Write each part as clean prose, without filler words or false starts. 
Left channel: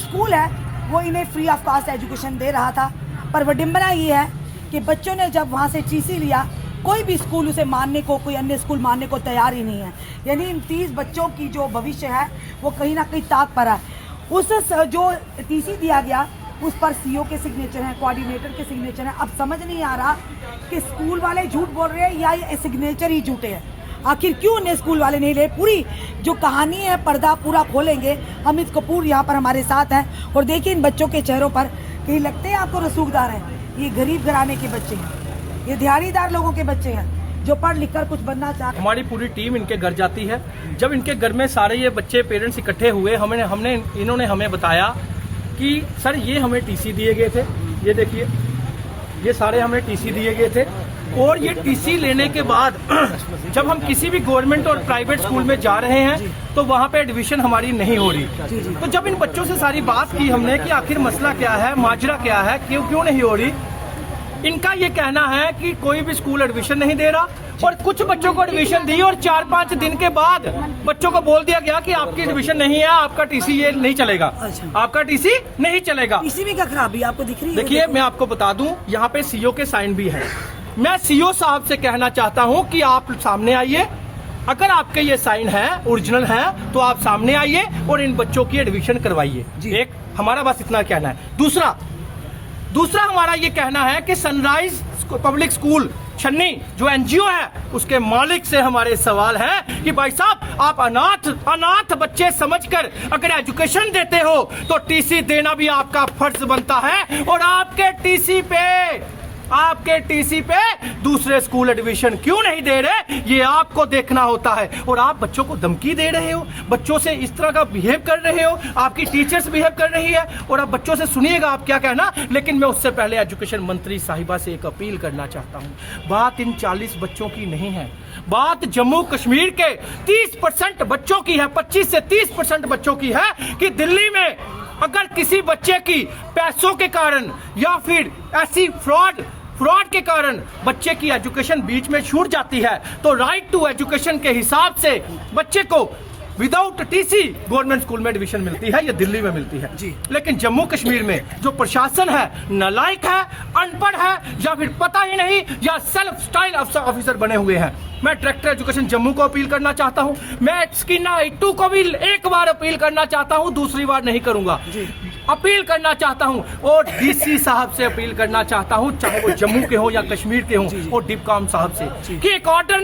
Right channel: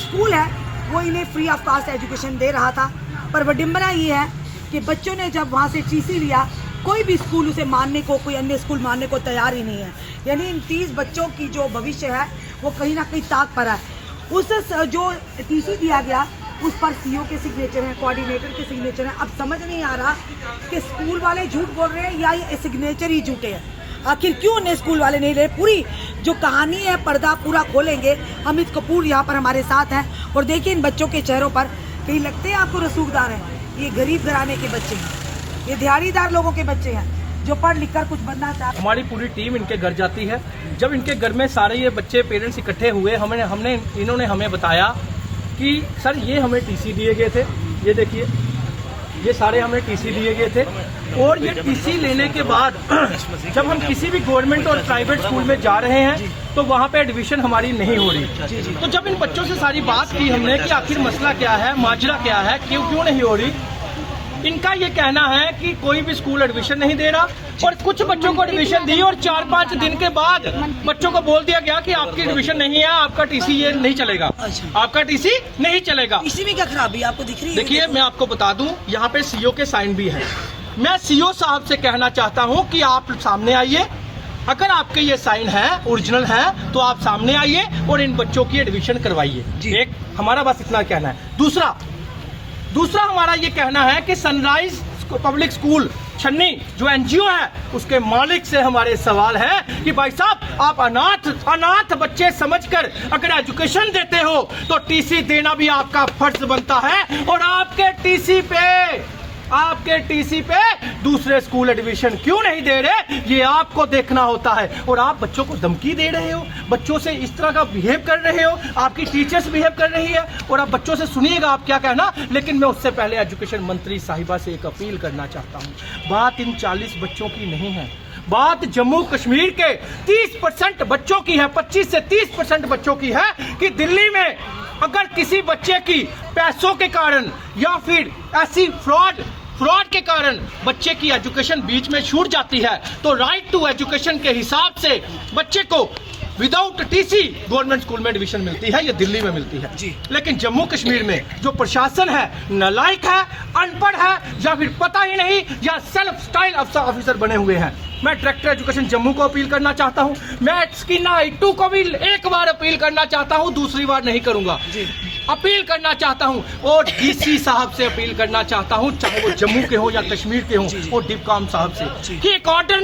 School है वो इन्हें फ्री ऑफ कॉस्ट एजुकेशन दे रहा था, पर विडंबना ये है कि बच्चों ने जब वहाँ से टीसी लिया, कोई भी स्कूल उसे मानने को, कोई अन्य स्कूल मानने को तैयार ही नहीं है। यानी इन 30 बच्चों की जो भविष्य है वो कहीं ना कहीं ताक पर है। उस जो टीसी दिया गया उस पर सीईओ के सिग्नेचर हैं, कोऑर्डिनेटर के सिग्नेचर हैं। अब समझ नहीं आ रहा कि स्कूल वाले झूठ बोल रहे हैं या ये सिग्नेचर ही झूठे हैं। आखिर क्यों उन्हें स्कूल वाले नहीं ले? पूरी जो कहानी है पर्दा पूरा खोलेंगे। अमित कपूर यहाँ पर हमारे साथ हैं और देखिए इन बच्चों के चेहरों पर कहीं लगते हैं आपको रसूखदार हैं। ये गरीब घराने के बच्चे हैं, ये दिहाड़ीदार लोगों के बच्चे हैं जो पढ़ लिख कर कुछ बनना चाहते हैं। हमारी पूरी टीम इनके घर जाती है। जब इनके घर में सारे ये बच्चे पेरेंट्स इकट्ठे हुए, इन्होंने हमें बताया कि सर ये हमें टीसी दिए गए थे, ये देखिए ये सारे हमें टीसी दिए गए थे, और ये टीसी लेने के बाद जब हम किसी भी गवर्नमेंट और प्राइवेट स्कूल में जा रहे हैं तो वहाँ पे एडमिशन हमारी नहीं हो रही। तो जब इन बच्चों से सारी बात की हमने कि आखिर मसला क्या है, माजरा क्या है, क्यों नहीं हो रही, इनका ये कहना है कि कोई भी स्कूल एडमिशन नहीं दे रहा, और कुछ बच्चों को एडमिशन दी और 4-5 दिन के बाद बच्चों को बोल दिया गया कि आपकी एडमिशन नहीं है, आपका टीसी ये नहीं चलेगा, आपका टीसी नहीं चलेगा। टीसी में क्या खराबी आपको दिख रही है? देखिए मैं आपको बता दूं, यहाँ पे सीईओ के साइन भी हैं। मैं सीईओ साहब से कहना चाहता हूं कि आप सामने आइए, अगर आपके ये साइन है, ओरिजिनल है, तो आप सामने आइए और इन बच्चों की एडमिशन करवाइए। एक हमारा बस इतना कहना है। दूसरा हमारा ये कहना है कि सनराइज पब्लिक स्कूल छन्नी जो एनजीओ है उसके मालिक से हमारे सवाल है कि भाई साहब आप अनाथ बच्चे समझकर अगर एजुकेशन देते हो तो टीसी देना भी आपका फर्ज बनता है, और आपके टीसी पे दूसरे स्कूल एडमिशन क्यों नहीं दे रहे ये आपको देखना होता है। और आप बच्चों को धमकी दे रहे हो, बच्चों से इस तरह का बिहेव कर रहे हो, आपकी टीचर्स बिहेव कर रही है, और आप बच्चों से सुनिएगा आप क्या कहना। लेकिन मैं उससे पहले एजुकेशन मंत्री साहिबा से एक अपील करना चाहता हूँ। बात इन 40 बच्चों की नहीं है, बात जम्मू कश्मीर के 30% बच्चों की है, 25 से 30% बच्चों की है कि दिल्ली में अगर किसी बच्चे की पैसों के कारण या फिर ऐसी फ्रॉड के कारण बच्चे की एजुकेशन बीच में छूट जाती है तो राइट टू एजुकेशन के हिसाब से बच्चे को विदाउट टीसी गवर्नमेंट स्कूल में एडमिशन मिलती है, ये दिल्ली में मिलती है जी। लेकिन जम्मू कश्मीर में जो प्रशासन है नालायक है, अनपढ़ है, या फिर पता ही नहीं, या सेल्फ स्टाइल ऑफिसर बने हुए हैं। मैं डायरेक्टर एजुकेशन जम्मू को अपील करना चाहता हूं, मैं स्कीना इट्टू को भी एक बार अपील करना चाहता हूं, दूसरी बार नहीं करूंगा, अपील करना चाहता हूं, और डीसी साहब से अपील करना चाहता हूं, चाहे वो जम्मू के हो या कश्मीर के हो, और डिपकॉम साहब से कि एक ऑर्डर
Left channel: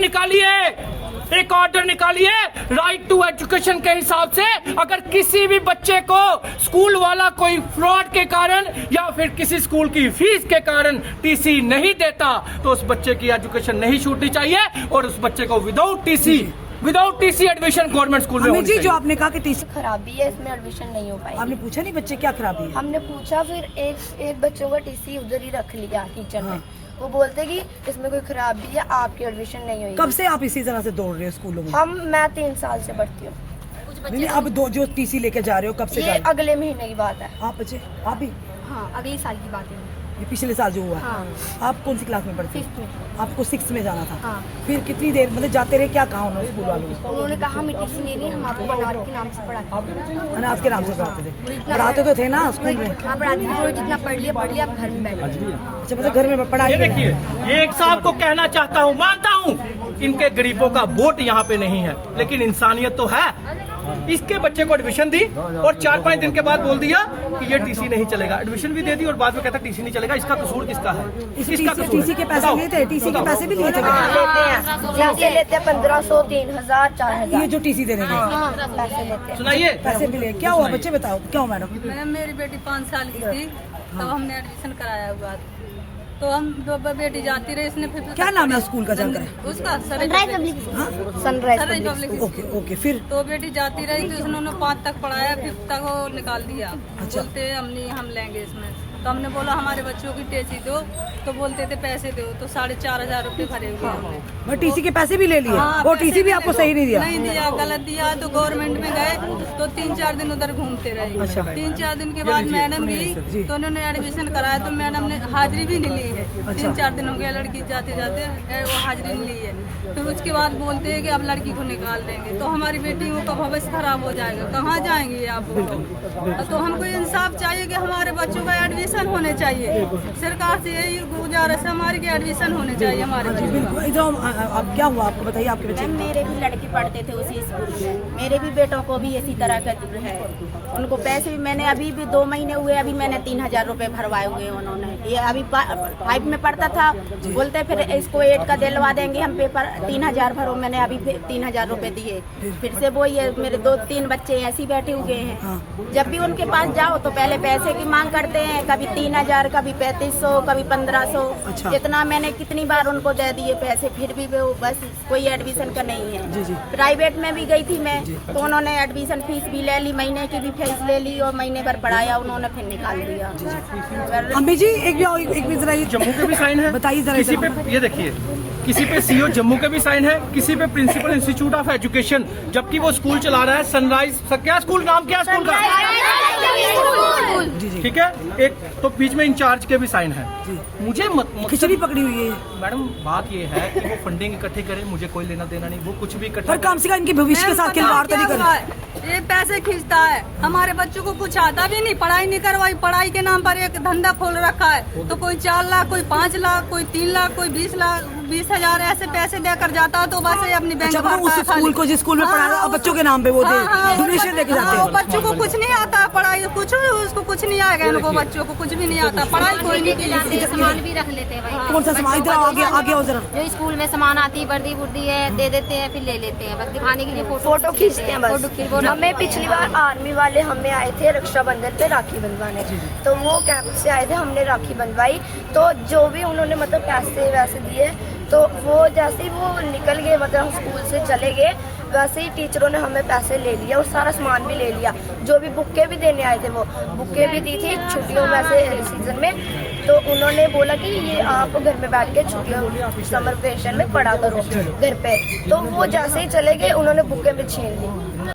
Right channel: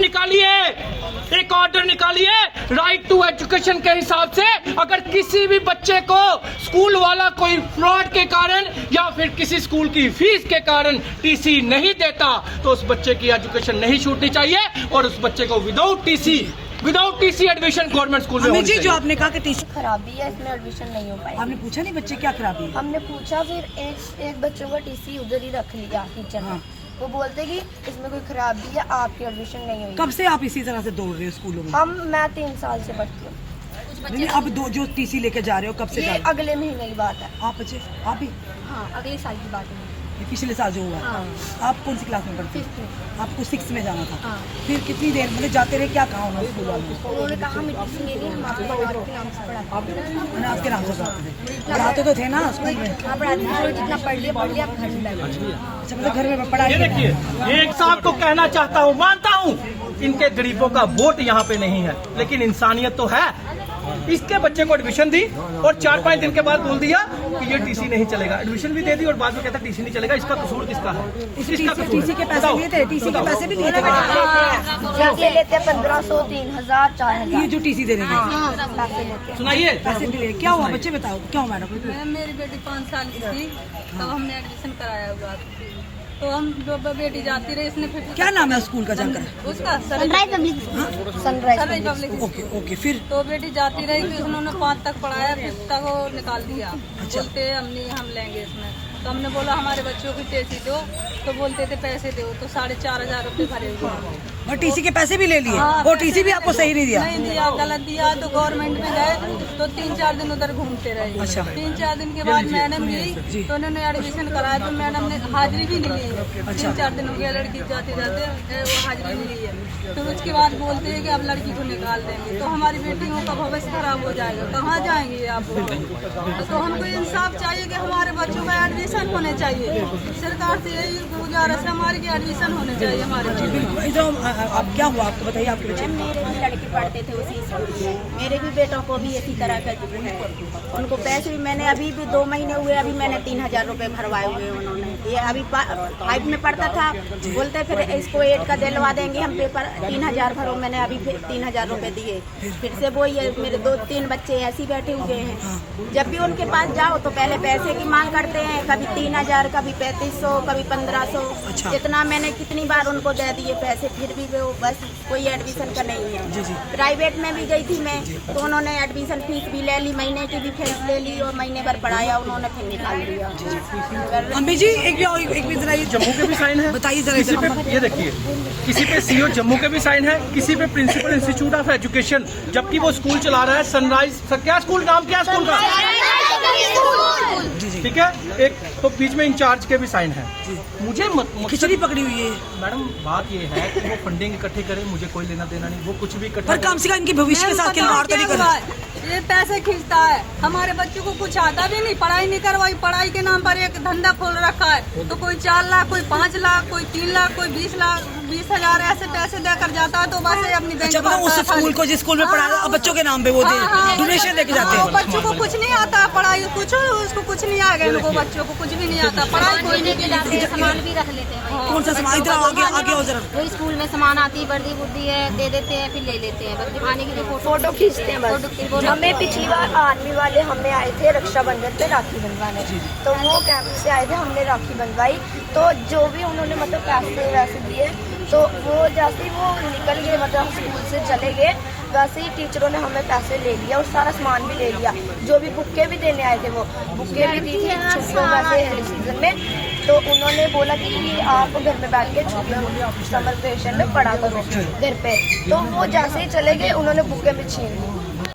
निकालिए राइट टू एजुकेशन के हिसाब से। अगर किसी भी बच्चे को स्कूल वाला कोई फ्रॉड के कारण या फिर किसी स्कूल की फीस के कारण टीसी नहीं देता तो उस बच्चे की एजुकेशन नहीं छूटनी चाहिए, और उस बच्चे को without TC admission government school में होनी चाहिए। जो आपने कहा कि टीसी खराबी है, इसमें एडमिशन नहीं हो पाई। आपने पूछा नहीं बच्चे क्या खराबी है? हमने पूछा, फिर एक बच्चों का टीसी उधर ही रख लिया टीचर ने। वो बोलते कि इसमें कोई खराबी है, आपकी एडमिशन नहीं हुई। कब से आप इसी तरह से दौड़ रहे हो स्कूलों में? मैं 3 साल से पढ़ती हूँ। नहीं, अब जो टीसी लेके जा रहे हो कब से? ये अगले महीने की बात है। आप भी? हाँ, अगले साल की बात है। ये पिछले साल जो हुआ। हाँ। आप कौन सी क्लास में पढ़ते हैं? 5th। आपको 6 में जाना था। हाँ। फिर कितनी देर मतलब जाते रहे, क्या कहा उन्होंने स्कूल वालों को? उन्होंने कहा हमें टीसी नहीं है, हम आपको अनाथ के नाम से पढ़ाते हैं। अनाथ के नाम से पढ़ाते थे? पढ़ाते तो थे ना स्कूल में? हाँ, पढ़ाते थे, जितना पढ़ लिया आप घर में बैठे। अच्छा, मतलब घर में पढ़ाई। देखिए ये एक साहब को कहना चाहता हूँ, मानता हूँ इनके गरीबों का वोट यहाँ पे नहीं है, लेकिन इंसानियत तो है। इसके बच्चे को एडमिशन दी और 4-5 दिन के बाद बोल दिया कि ये टीसी नहीं चलेगा, एडमिशन भी दे दी और बाद में कहता टीसी नहीं चलेगा। इसका कसूर किसका है? टीसी के पैसे लिए थे? टीसी के पैसे भी लिए थे? लेते हैं 1500, 3000, 4000। ये जो टीसी दे रहे हैं पैसे लेते हैं। सुनाइए पैसे भी लिए। क्या हुआ बच्चे बताओ, क्या हुआ मैडम? मेरी बेटी 5 साल की थी तब हमने एडमिशन कराया हुआ, तो हम जो बेटी जाती रही, इसने फिर क्या नाम है स्कूल का जानकर? उसका सनराइज ओके ओके। फिर तो बेटी जाती रही, तो उन्होंने 5 तक पढ़ाया, 5 तक वो निकाल दिया। बोलते हम लेंगे इसमें। तो हमने बोला हमारे बच्चों की टीसी दो, तो बोलते थे पैसे दो, तो 4,500 रुपये भरेंगे। और टीसी के पैसे भी ले लिए, हाँ, वो पैसे टीसी भी आपको सही नहीं दिया? नहीं दिया, गलत दिया। तो गवर्नमेंट में गए तो 3-4 दिन उधर घूमते रहे। अच्छा। 3-4 दिन के बाद मैडम गई तो उन्होंने एडमिशन कराया, तो मैडम ने हाजिरी भी नहीं ली है। 3-4 दिन हो गया लड़की जाते जाते वो हाजिरी नहीं ली है। तो उसके बाद बोलते हैं कि अब लड़की को निकाल देंगे, तो हमारी बेटियों का भविष्य खराब हो जाएगा, कहाँ जाएंगे आप? तो हमको इंसाफ चाहिए कि हमारे बच्चों का एडमिशन होने चाहिए। सरकार से यही गुजारिश है हमारी कि एडमिशन होने चाहिए हमारे बच्चों का। अब क्या हुआ आपको बताइए, आपके बच्चे? मैम मेरे भी लड़के पढ़ते थे उसी स्कूल में, मेरे भी बेटों को भी इसी तरह का है। उनको पैसे भी मैंने अभी भी 2 महीने हुए, अभी मैंने 3,000 रुपए भरवाए हुए हैं उन्होंने। ये अभी 5 में पढ़ता था, बोलते फिर इसको 8 का दिलवा देंगे हम, पेपर 3,000 भरो। मैंने अभी फिर 3,000 रुपए दिए। फिर से वो ये मेरे 2-3 बच्चे ऐसे बैठे हुए हैं। जब भी उनके पास जाओ तो पहले पैसे की मांग करते हैं, कभी 3,000, कभी 3,500, कभी 1,500। इतना मैंने कितनी बार उनको दे दिए पैसे, फिर भी वो बस कोई एडमिशन का नहीं है। प्राइवेट में भी गई थी मैं, तो उन्होंने एडमिशन फीस भी ले ली, महीने की भी फीस ले ली और महीने भर पढ़ाया, उन्होंने फिर निकाल दिया। अम्मी जी एक भी जरा ये जम्मू के भी साइन है, बताइए जरा। किसी पे ये देखिए, किसी पे सीओ जम्मू के भी साइन है, किसी पे प्रिंसिपल इंस्टीट्यूट ऑफ एजुकेशन, जबकि वो स्कूल चला रहा है सनराइज। क्या स्कूल, नाम क्या स्कूल का? ठीक है। एक तो बीच में इंचार्ज के भी साइन है। मुझे खिचड़ी पकड़ी हुई है मैडम, बात ये है कि वो फंडिंग इकट्ठी करे, मुझे कोई लेना देना नहीं, वो कुछ भी इकट्ठा पर कम से कम इनके भविष्य के साथ खिलवाड़ तो नहीं कर रहे। ये पैसे खींचता है, हमारे बच्चों को कुछ आता भी नहीं, पढ़ाई नहीं करवाई। पढ़ाई के नाम पर एक धंधा खोल रखा है, तो कोई 4 लाख, कोई 5 लाख, कोई 3 लाख, कोई 20 लाख, 20,000 ऐसे पैसे देकर जाता है। तो बस ये अपनी बैंक अच्छा, उस स्कूल को, जिस स्कूल में पढ़ा रहा बच्चों के नाम पे वो डोनेशन लेके जाते हैं। बच्चों को कुछ नहीं आता, पढ़ाई कुछ उसको कुछ नहीं आएगा, उनको बच्चों को कुछ भी नहीं आता, पढ़ाई कोई नहीं की। सामान भी रख लेते हैं भाई। कौन सा सामान? इधर आगे आओ जरा। जो स्कूल में सामान आती है, वर्दी बुर्दी है, दे देते हैं, फिर ले लेते हैं, बस दिखाने के लिए फोटो खींचते हैं बस। हमें पिछली बार आर्मी वाले हमें आए थे रक्षाबंधन पे राखी बंधवाने, तो वो कैंप से आए थे, हमने राखी बंधवाई। तो जो भी उन्होंने मतलब पैसे वैसे दिए, तो वो जैसे ही वो निकल गए, मतलब स्कूल से चले गए, वैसे ही टीचरों ने हमें पैसे ले लिया और सारा सामान भी ले लिया। जो भी बुकें भी देने आए थे, वो बुकें भी दी थी छुट्टियों में से सीजन में। तो उन्होंने बोला कि ये आप घर में बैठ के छुट्टियों समर वेकेशन में पढ़ा करो घर पे। तो वो जैसे ही चले गए, उन्होंने बुकें भी छीन ली।